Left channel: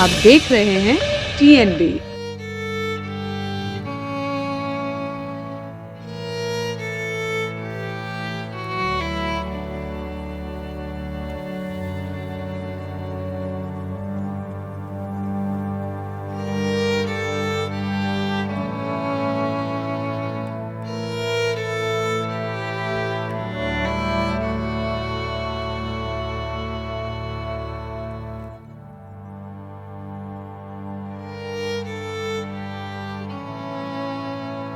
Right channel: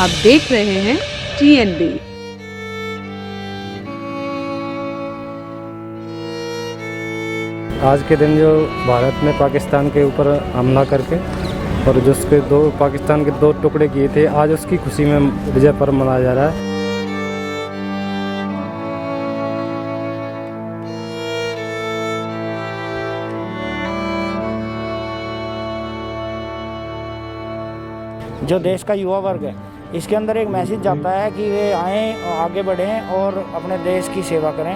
आप देख रहे हैं TNB। आज के दिन जो भारत ने पाकिस्तान के ऊपर हमला करके और जो उसके पाकिस्तान के दो टुकड़े किए थे, आज उसकी खुशी में विजय पर्व मनाया जा रहा है। जो देश का युवा वर्ग है, इसके अंदर एक मैसेज जाता है कि वे आएँ, आगे बढ़ें और अपने देश की सेवा करें।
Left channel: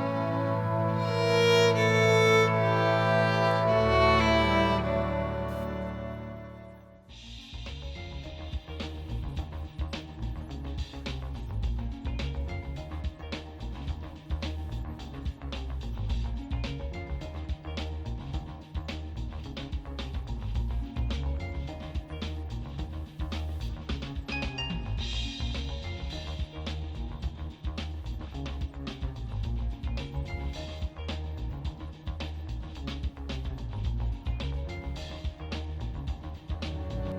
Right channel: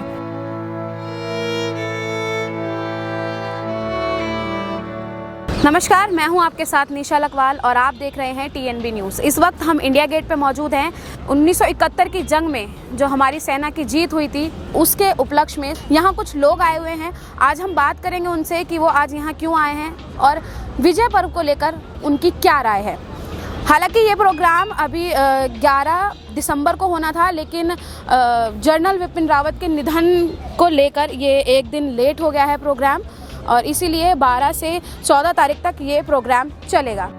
नमस्कार, मैं हूं आपके साथ निशा लकवाल और आप देख रहे हैं TNB न्यूज़। इस वक्त हम इंडिया गेट पे मौजूद हैं। 1971 की जंग में जो हमारी सेना की जीत हुई थी, उसके उपलक्ष्य में यहाँ कुछ लोग आए हुए हैं। आज हम बात करेंगे उनसे कि वो आज यहाँ क्यों आए हैं और विजय पर्व को लेकर उनकी क्या राय है। हालांकि ये प्रोग्राम अभी 11 दिसंबर को होना था, लेकिन जनरल विपिन रावत के निधन को लेकर ये एक दिन लेट हो गया है प्रोग्राम, और इसीलिए 12 से 14 तारीख तक ये प्रोग्राम चलेगा।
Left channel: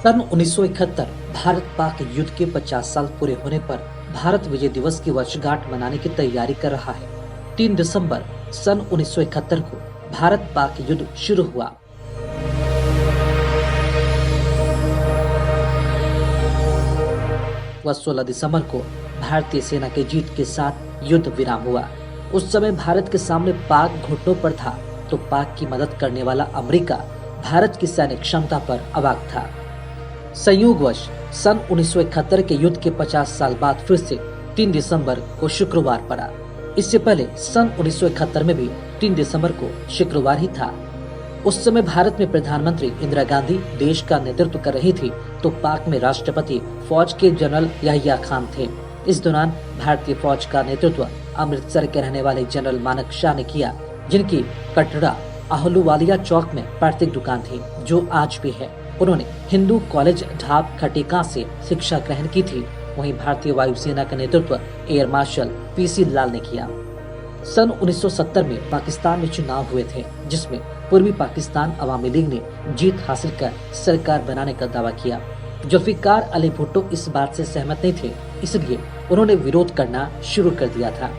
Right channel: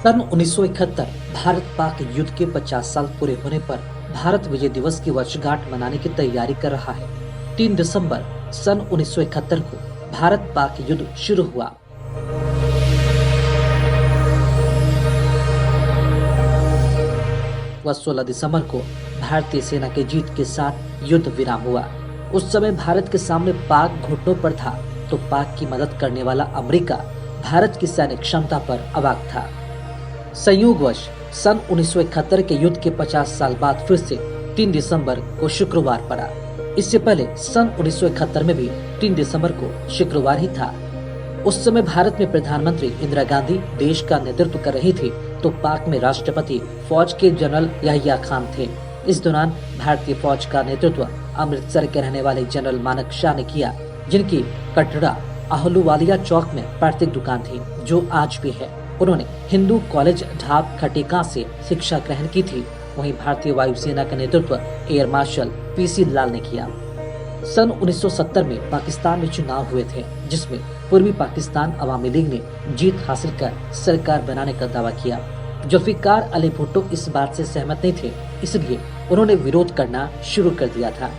सन 1971 भारत पाक युद्ध के 50 साल पूरे होने पर भारत विजय दिवस की वर्षगांठ मनाने की तैयारी कर रहा है। 3 दिसंबर सन 1971 को भारत पाक युद्ध शुरू हुआ। वह 16 दिसंबर को भारतीय सेना के जीत के साथ युद्ध विराम हुआ। उस समय भारत के सामने पाक घुटनों पर था, तो पाक की मदद करने वाला अमेरिका भारत की सैन्य क्षमता पर अवाक था। संयोगवश सन 1971 के युद्ध के 50 साल बाद फिर से 3 दिसंबर को शुक्रवार पड़ा। इससे पहले सन 1971 में भी 3 दिसंबर को शुक्रवार ही था। उस समय भारत में प्रधानमंत्री इंदिरा गांधी देश का नेतृत्व कर रही थी, तो पाक में राष्ट्रपति फौज के जनरल याहिया खान थे। इस दौरान भारतीय फौज का नेतृत्व अमृतसर के रहने वाले जनरल मानक शाह ने किया, जिनकी कटरा आहलूवालिया चौक में पैतृक दुकान थी, जो आज भी है। उन्होंने हिंदू कॉलेज ढाब खटीका से शिक्षा ग्रहण की थी। वहीं भारतीय वायुसेना का नेतृत्व एयर मार्शल PC लाल ने किया। सन 1970 में पाकिस्तान में चुनाव हुए थे, जिसमें पूर्वी पाकिस्तान अवामी लीग ने जीत हासिल कर सरकार बनाने का दावा किया। जुल्फिकार अली भुट्टो इस बात से सहमत नहीं थे, इसलिए उन्होंने विरोध करना शुरू कर दिया था।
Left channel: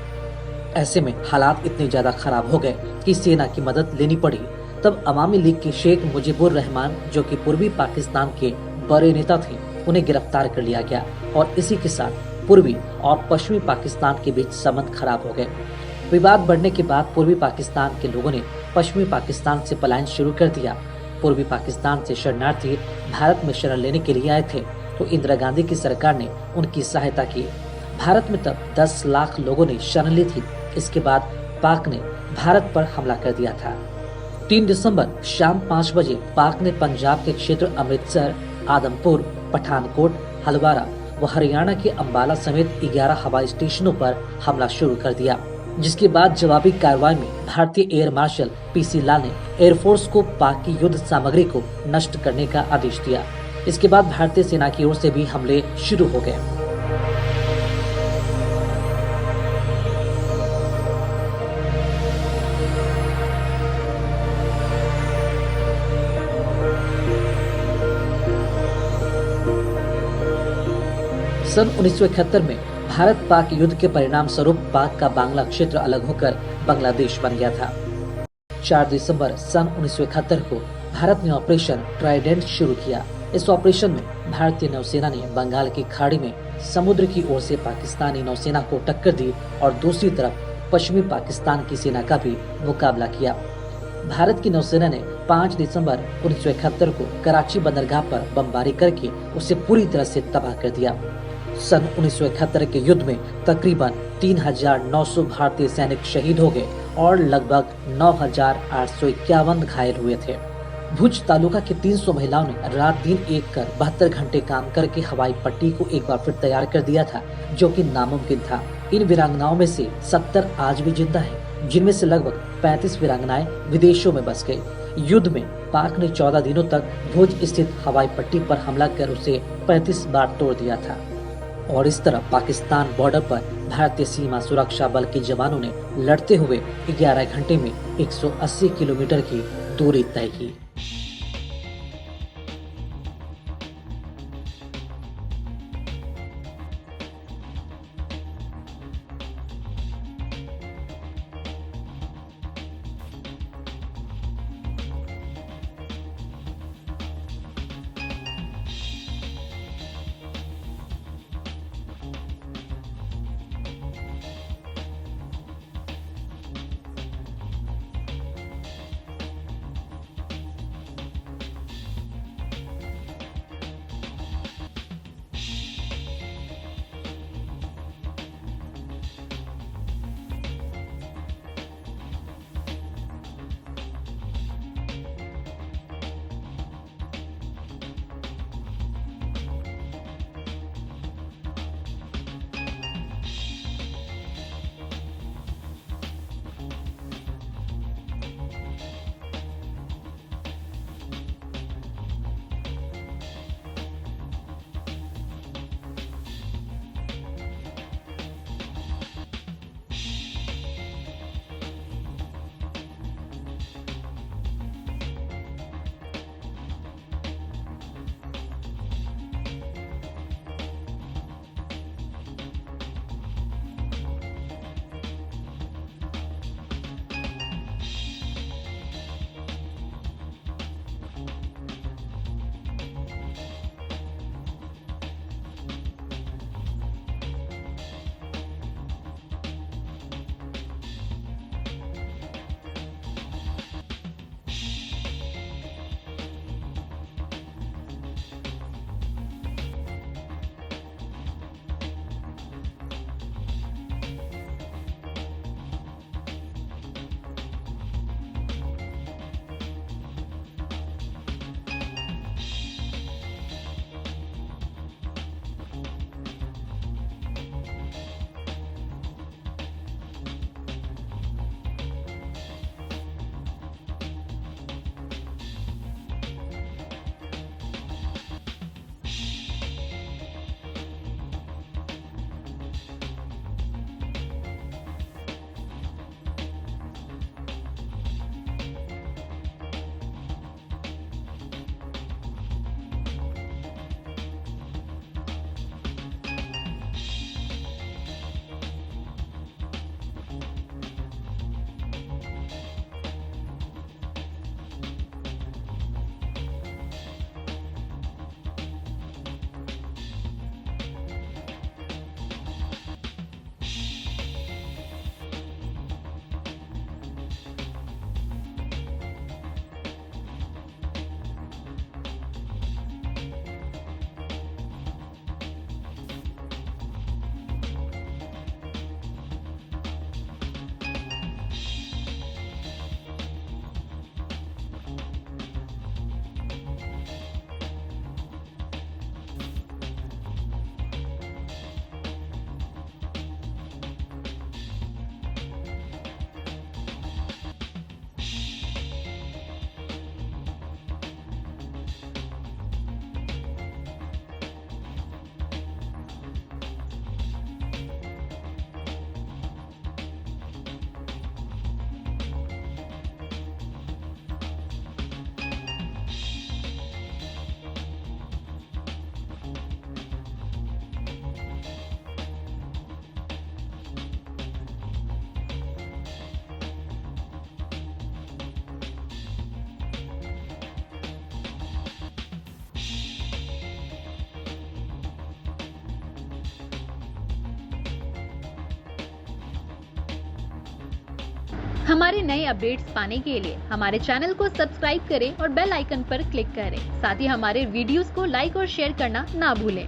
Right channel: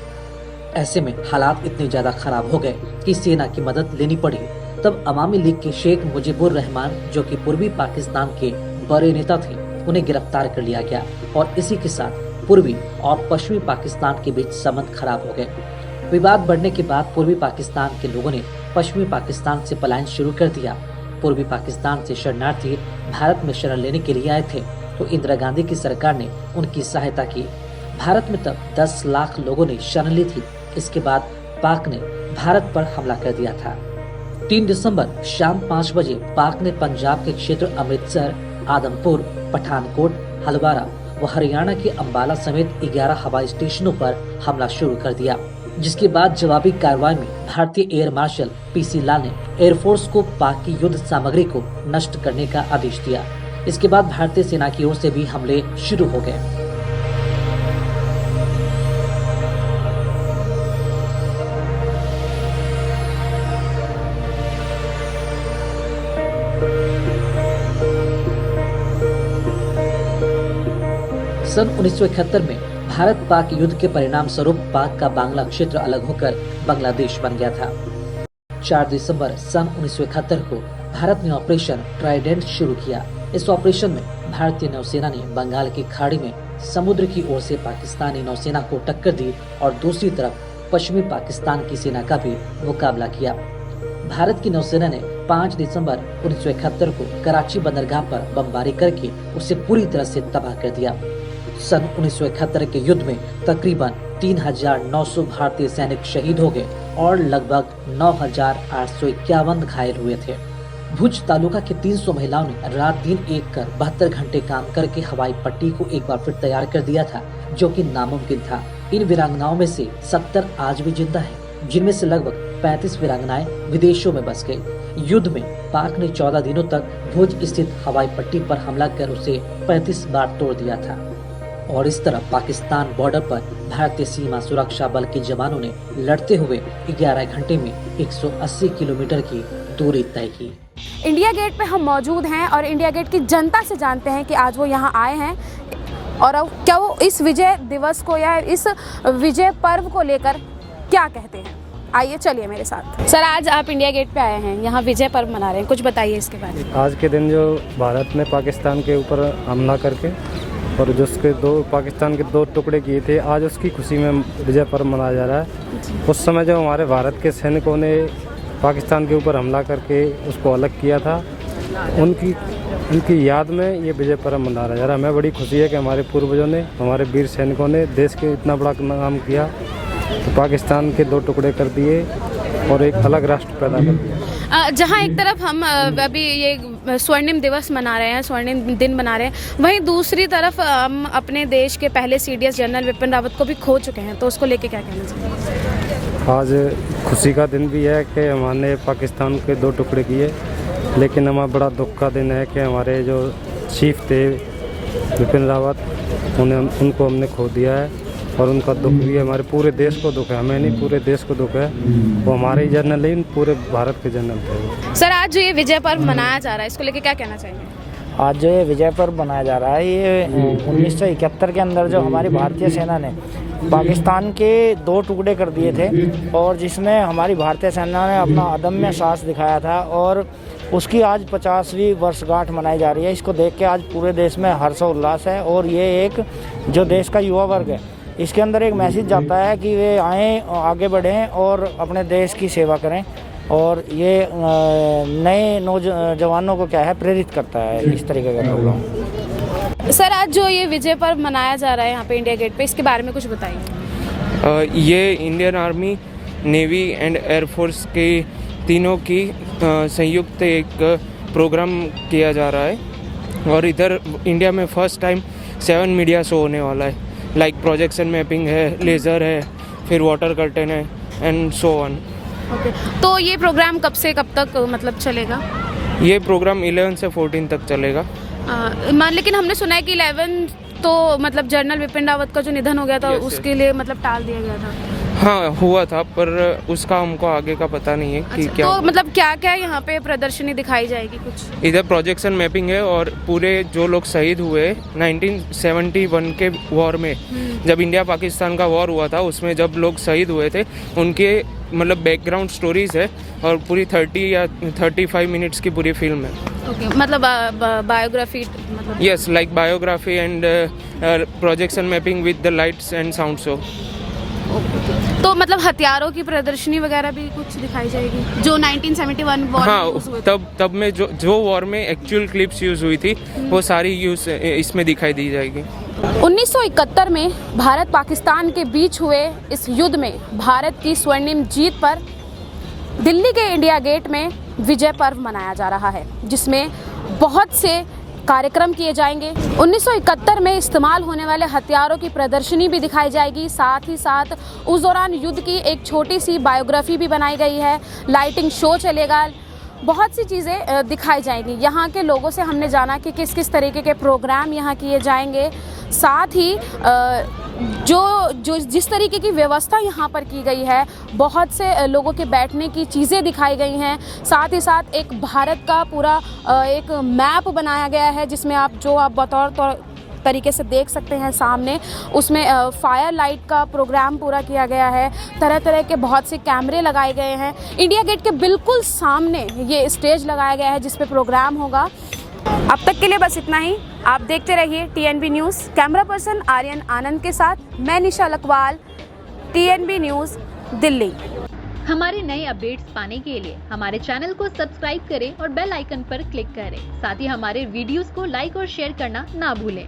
ऐसे में हालात इतने ज्यादा खराब हो गए कि सेना की मदद लेनी पड़ी। तब अवामी लीग के शेख मुजीबुर रहमान, जो कि पूर्वी पाकिस्तान के बड़े नेता थे, उन्हें गिरफ्तार कर लिया गया और इसी के साथ पूर्वी और पश्चिमी पाकिस्तान के बीच संबंध खराब हो गए। विवाद बढ़ने के बाद पूर्वी पाकिस्तान के लोगों ने पश्चिमी पाकिस्तान से पलायन शुरू कर दिया। पूर्वी पाकिस्तान से शरणार्थी भारत में शरण लेने के लिए आए थे, तो इंदिरा गांधी की सरकार ने उनकी सहायता की। भारत में तब 10 लाख लोगों ने शरण ली थी। इसके बाद पाक ने भारत पर हमला कर दिया था। 3 दिसंबर शाम 5 बजे पाक ने पंजाब के क्षेत्र अमृतसर, आदमपुर, पठानकोट, हलवारा व हरियाणा के अंबाला समेत 11 हवाई स्टेशनों पर हमला शुरू कर दिया, जिसके बाद जवाबी कार्रवाई में भारतीय एयर मार्शल PC लाल ने एयरफोर्स को पाक की युद्ध सामग्री को नष्ट करने का आदेश दिया। इसके बाद भारतीय सेना की ओर से भी हमले शुरू हो गए। सन 1971 में भारत पाक युद्ध के परिणाम स्वरूप पाक का बांग्ला क्षेत्र अलग होकर बांग्लादेश बन गया था। 4 दिसंबर सन 1971 को भारत ने ऑपरेशन ट्राइडेंट शुरू किया। इस ऑपरेशन में भारतीय नौसेना ने बंगाल की खाड़ी में समुद्र की ओर से पाकिस्तानी नौसेना को टक्कर दी और दूसरी तरफ पश्चिमी पाकिस्तान की सेना का भी मुकाबला किया। भारत की नौसेना ने 5 दिसंबर 1971 को कराची बंदरगाह पर बमबारी करके उसे पूरी तरह से तबाह कर दिया। सन 1971 के युद्ध में तकरीबन 3,900 भारतीय सैनिक शहीद हो गए और लगभग 9,851 घायल हुए थे। भुज तालुका के 300 महिलाओं ने रात दिन एक कर 72 घंटे काम करके हवाई पट्टी को एक बार फिर तैयार कर दिया था, जो कि नामुमकिन था। इन वीरांगनाओं में से 70 आज भी जिंदा हैं, जिनमें से लगभग 35 वीरांगनाएं विदेशों में बस गई। युद्ध में पाक ने 14 दिनों तक भुज स्थित हवाई पट्टी पर हमला कर उसे 35 बार तोड़ दिया था। और इस तरह पाकिस्तान बॉर्डर पर भारतीय सीमा सुरक्षा बल के जवानों ने लड़ते हुए 11 घंटे में 180 किलोमीटर की दूरी तय की। इंडिया गेट पे हम मौजूद हैं और इंडिया गेट की जनता से जानते हैं कि आज वो यहाँ आए हैं और अब क्या वो इस विजय दिवस को या इस विजय पर्व को लेकर क्या कहते हैं। आइए चलिए मेरे साथ। सर, आज आप इंडिया गेट पे आए हैं, यहाँ विजय पर्व मना रहे हैं, कुछ बताइए इसके बारे में। आज के दिन जो भारत ने पाकिस्तान के ऊपर हमला करके और जो उसके पाकिस्तान के 2 टुकड़े किए थे, आज उसकी खुशी में विजय पर्व मनाया जा रहा है। उस समय जो हमारे भारत के सैनिकों ने पाकिस्तान के ऊपर हमला करके उसको अलग किया था, उनकी याद में ये विजय पर्व मनाया जा रहा है। हमें बड़ी खुशी है कि हमारे पूर्वजों ने, हमारे वीर सैनिकों ने देश के इतना बड़ा काम किया, तो पाकिस्तान के 2 टुकड़े कर दिए और एक अलग राष्ट्र पैदा कर दिया। जहाँ एक तरफ हम अभी ये स्वर्णिम दिवस मना रहे हैं, स्वर्णिम दिन मना रहे हैं, वहीं दूसरी तरफ हम अपने देश के पहले CDS जनरल विपिन रावत को भी खो चुके हैं, तो उसको लेके क्या कहना चाहिए। आज खुशी का दिन भी है कि हमने पाकिस्तान के 2 टुकड़े किए, लेकिन हमारा बड़ा दुख का दिन है कि हमारे जो चीफ थे विपिन रावत, उनको हमने खो दिया है और उनका दुख भी है। हमारे पूरे देश को दुख है, हमें नहीं पूरे देश को दुख है। वो हमारे ही जनरल नहीं, पूरे भारत के जनरल थे। सर, आज जो ये विजय पर्व मनाया जा रहा है, इसको लेके क्या कहना चाहिए। आज जो ये विजय पर्व मनाया जा रहा है, ये 1971 के अंदर जो हमारी भारतीय सेना ने पाकिस्तान के 2 टुकड़े कर दिए थे और जिसमें हमारी भारतीय सेना ने अपना अदम्य साहस दिखाया था, और उसकी आज 50वीं वर्षगांठ मनाई जा रही है। इसको देख के आज पूरे देश में हर्षोल्लास है और ये एक जो देश का युवा वर्ग है, इसके अंदर एक मैसेज जाता है कि वे आएँ, आगे बढ़ें और अपने देश की सेवा करें, और ये नए नौजवानों को क्या है प्रेरित करता है इस तरीके का प्रोग्राम। सर, आज जो ये विजय पर्व मनाया जा रहा है यहाँ पे इंडिया गेट पे, इसके बारे में कुछ बताइए। ये Indian army, navy and air force के तीनों की संयुक्त एक प्रोग्राम किया जा रहा है और इधर इंडिया में फर्स्ट टाइम 7 मीडिया शो होने वाला है। लाइक प्रोजेक्शन मैपिंग है, लेज़र है, फिर वाटर कर्टन है एंड सो ऑन। ओके, तो ये प्रोग्राम कब से कब तक मतलब चलेगा। ये प्रोग्राम 11 से 14 तक चलेगा। लेकिन हमने सुना है कि 11 तो मतलब जनरल विपिन रावत का जो निधन हो गया था, उसके लिए मतलब टाल दिया गया था। हाँ, हुआ था, पर उसका हमको आगे का पता नहीं है कि क्या। तो मतलब क्या क्या यहाँ पे प्रदर्शनी दिखाई जाएगी कुछ। इधर प्रोजेक्शन मैपिंग है और पूरे जो लोग शहीद हुए 1971 के वॉर में, जब इंडिया पाकिस्तान का वॉर हुआ था, उसमें जब लोग शहीद हुए थे उनके मतलब बैकग्राउंड स्टोरीज है और पूरी 30 या 35 मिनट्स की पूरी फिल्म है। ओके, मतलब बायोग्राफी मतलब। Yes, like biography and projection mapping with the lights and sound show. तो मतलब हथियारों की प्रदर्शनी वगैरह भी कुछ दिखाई जाएगी जो 1971 वॉर। हाँ, तब में जो वॉर में एक्चुअल क्लिप्स यूज हुई थी वो सारी यूज इसमें दिखाई दी जाएगी। 1971 में भारत पाकिस्तान के बीच हुए इस युद्ध में भारत की स्वर्णिम जीत पर दिल्ली के इंडिया गेट में विजय पर्व मनाया जा रहा है, जिसमें बहुत से कार्यक्रम किए जाएंगे। 1971 में इस्तेमाल होने वाले हथियारों की प्रदर्शनी भी दिखाई जाएगी। साथ ही साथ उस दौरान युद्ध की एक छोटी सी बायोग्राफी भी बनाई गई है, लाइटिंग शो चलेगा, बहुत सी चीज़ें दिखाई जाएंगी। यहाँ के लोगों से हमने जाना कि किस किस तरीके के प्रोग्राम यहाँ किए जाएंगे। साथ ही जो जिस तरीके की व्यवस्था यहाँ पर की गई है, बहुत से लोगों के बैठने की चीज़ें दिखाई गई हैं। साथ ही साथ एक भारत का पूरा एक मैप बनाया गया है, जिसमें आप बतौर तरीके से देख सकते हैं सामने, उसमें फायर लाइट का प्रोग्राम पूरा किया गया है। तरह तरह के बहुत से कैमरे लगाए गए हैं। इंडिया गेट के बिल्कुल सामने ये स्टेज लगाया गया है जिस पे प्रोग्राम होगा। अब तक के लिए बस इतना ही। आप देखते रहिए TNB news. Camera person Aryan Anand के साथ मैं निशा लकवाल, TNB न्यूज़, दिल्ली। हमारे नए अपडेट्स पाने के लिए हमारे चैनल को सब्सक्राइब करें और बेल आइकन पर क्लिक करें। साथ ही हमारे वीडियोस को लाइक और शेयर करना ना भूलें।